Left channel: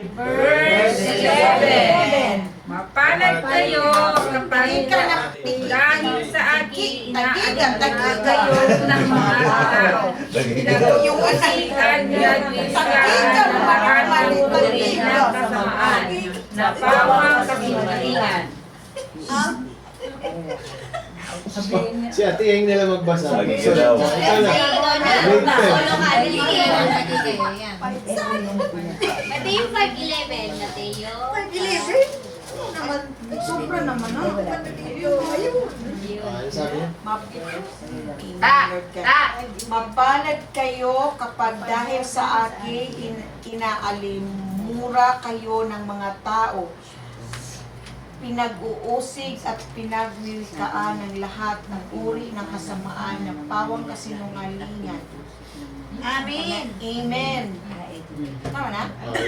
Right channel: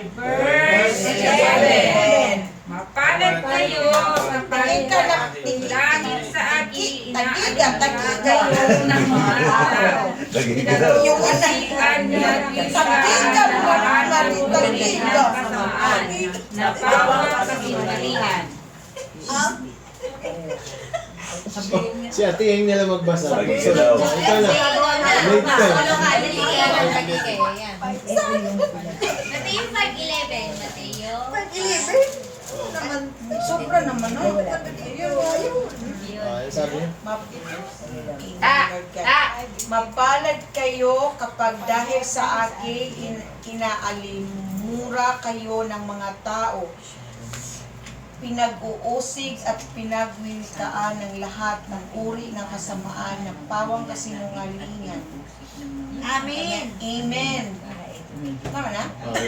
Verse 11. Mapalad kayo kapag dahil sa akin inaalam kayo ng mga tao. Pinag-uusikan niya at lahat ng uri ng kasamaan na pawang kasinungalingan. Si Ate Yang nila magbasa. Lagi ka daw. Ikaw na. Wait ka. Ate yung 5'11", Mateo. 5'11"? Naman, sobra naman, no? Ano sabi niya? Mapalad kayo kapag dahil sa akin inaalimura kayo ng mga tao. Pinag-uusig at pinagwiwitaan ng lahat ng uri ng kasamaan na pawang kasinungalingan. Amen. Amen. Tama na?